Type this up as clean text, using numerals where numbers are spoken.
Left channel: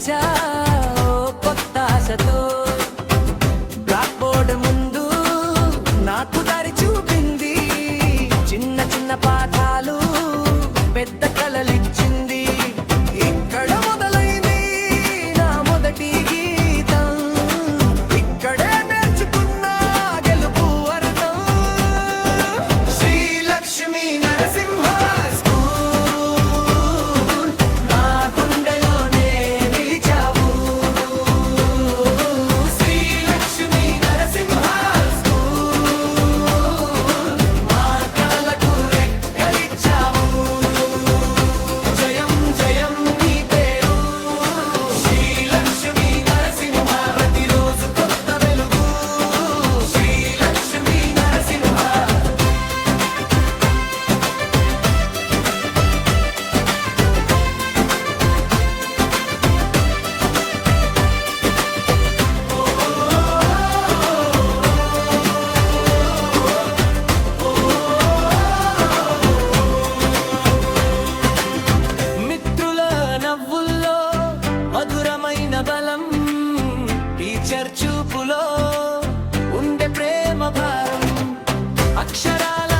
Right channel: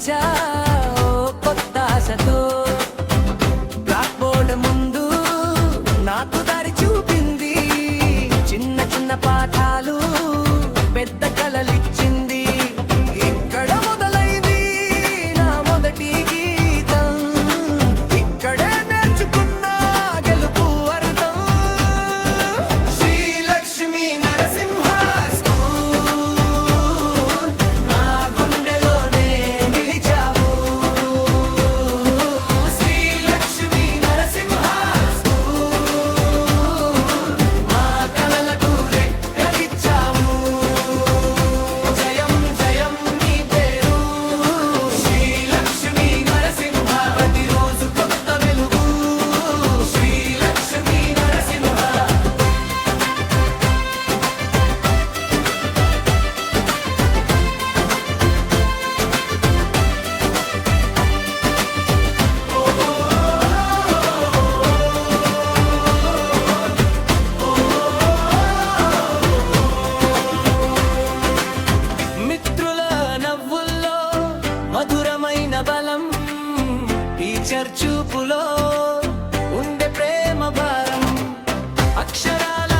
వచ్చా కొత్త ఆశతో. బ్లాక్ బోర్డ్ ముందు నాకు దారి చూపింది, చిన్న చిన్న పాఠాలు పెద్ద కలలిచ్చింది. ఇక్కడ మొదలైంది నా మొదటి గీతం, ఇక్కడే నేర్చుకున్నా గెలుపు అర్థం. శ్రీలక్ష్మీ నరసింహ స్కూల్ నా గుండెలోనే నిలిచావు. శ్రీలక్ష్మీ నరసింహ స్కూల్ మా కలలకు రెక్కలిచ్చావు. జయం జయం నీ పేరు శ్రీలక్ష్మీ నరసింహ, ప్రతిరోజు కొత్త వెలుగు శ్రీలక్ష్మీ నరసింహ. మిత్రుల నవ్వుల్లో మధురమైన బలం, టీచర్ చూపులో ఉండే ప్రేమ భారం, అక్షరాల